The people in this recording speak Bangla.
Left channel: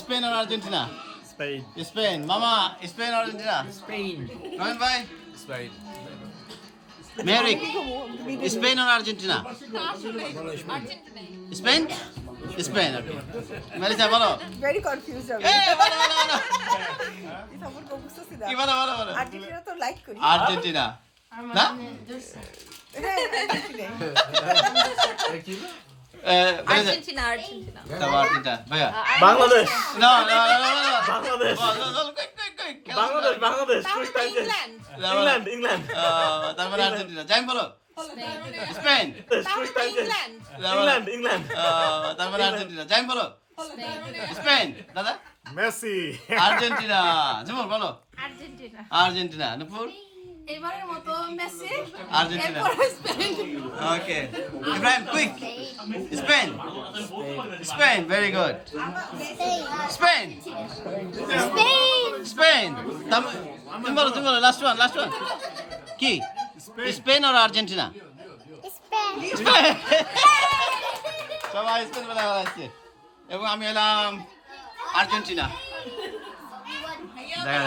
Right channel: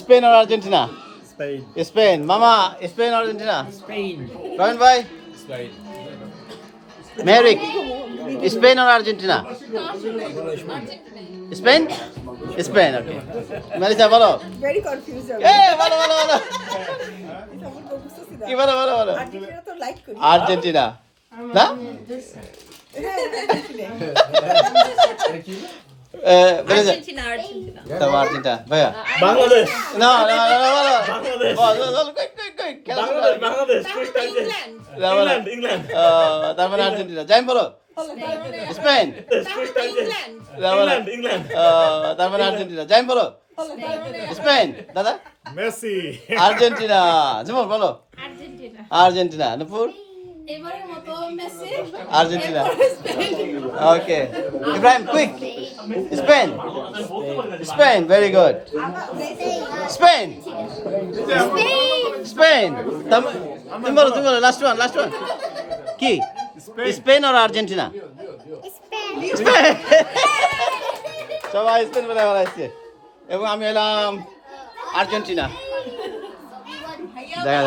স্পেন আর আর্জেন্টিনা? Spain. স্পেন। মামা স্পেন আর আর্জেন্টিনা? Spain. রহিম ভাই? Spain. মেরিক স্পেন আর আর্জেন্টিনা? স্পেন। স্পেন, ওকে। মেলিসা বলো। Very confused. এ বলো বলো বলো। কি বলো বলো বলো? আর্জেন্টিনা তো লাইক করি। আর্জেন্টিনা না? Melissa Argentina, Argentina. তারপর আর্জেন্টিনা ভাইয়া? Bangladesh. না না না না Bangladesh. Bangladesh Bangladesh. Quick time. England. England. England. তারপরে আর্জেন্টিনা। যাই বলো। Spain. Quick time. England. England. England. তারপরে আর্জেন্টিনা। যাই বলো। স্পেন। দাদা? Messi. আর্জেন্টিনা। যেমন বলো। Argentina. আর্জেন্টিনা। নুপুর? এবারের মতো মেসি আর্জেন্টিনা। এরপরে Spain. Okay. Ibrahim quick. Spain. Spain, very good. Spain. Spain. তুমি বলো লাস্ট ওয়ান কি? স্পেন আর আর্জেন্টিনা? স্পেন। সবাই স্পেন বলে বলাইছে এবং আমি এলাম আর্জেন্টিনা। দেখা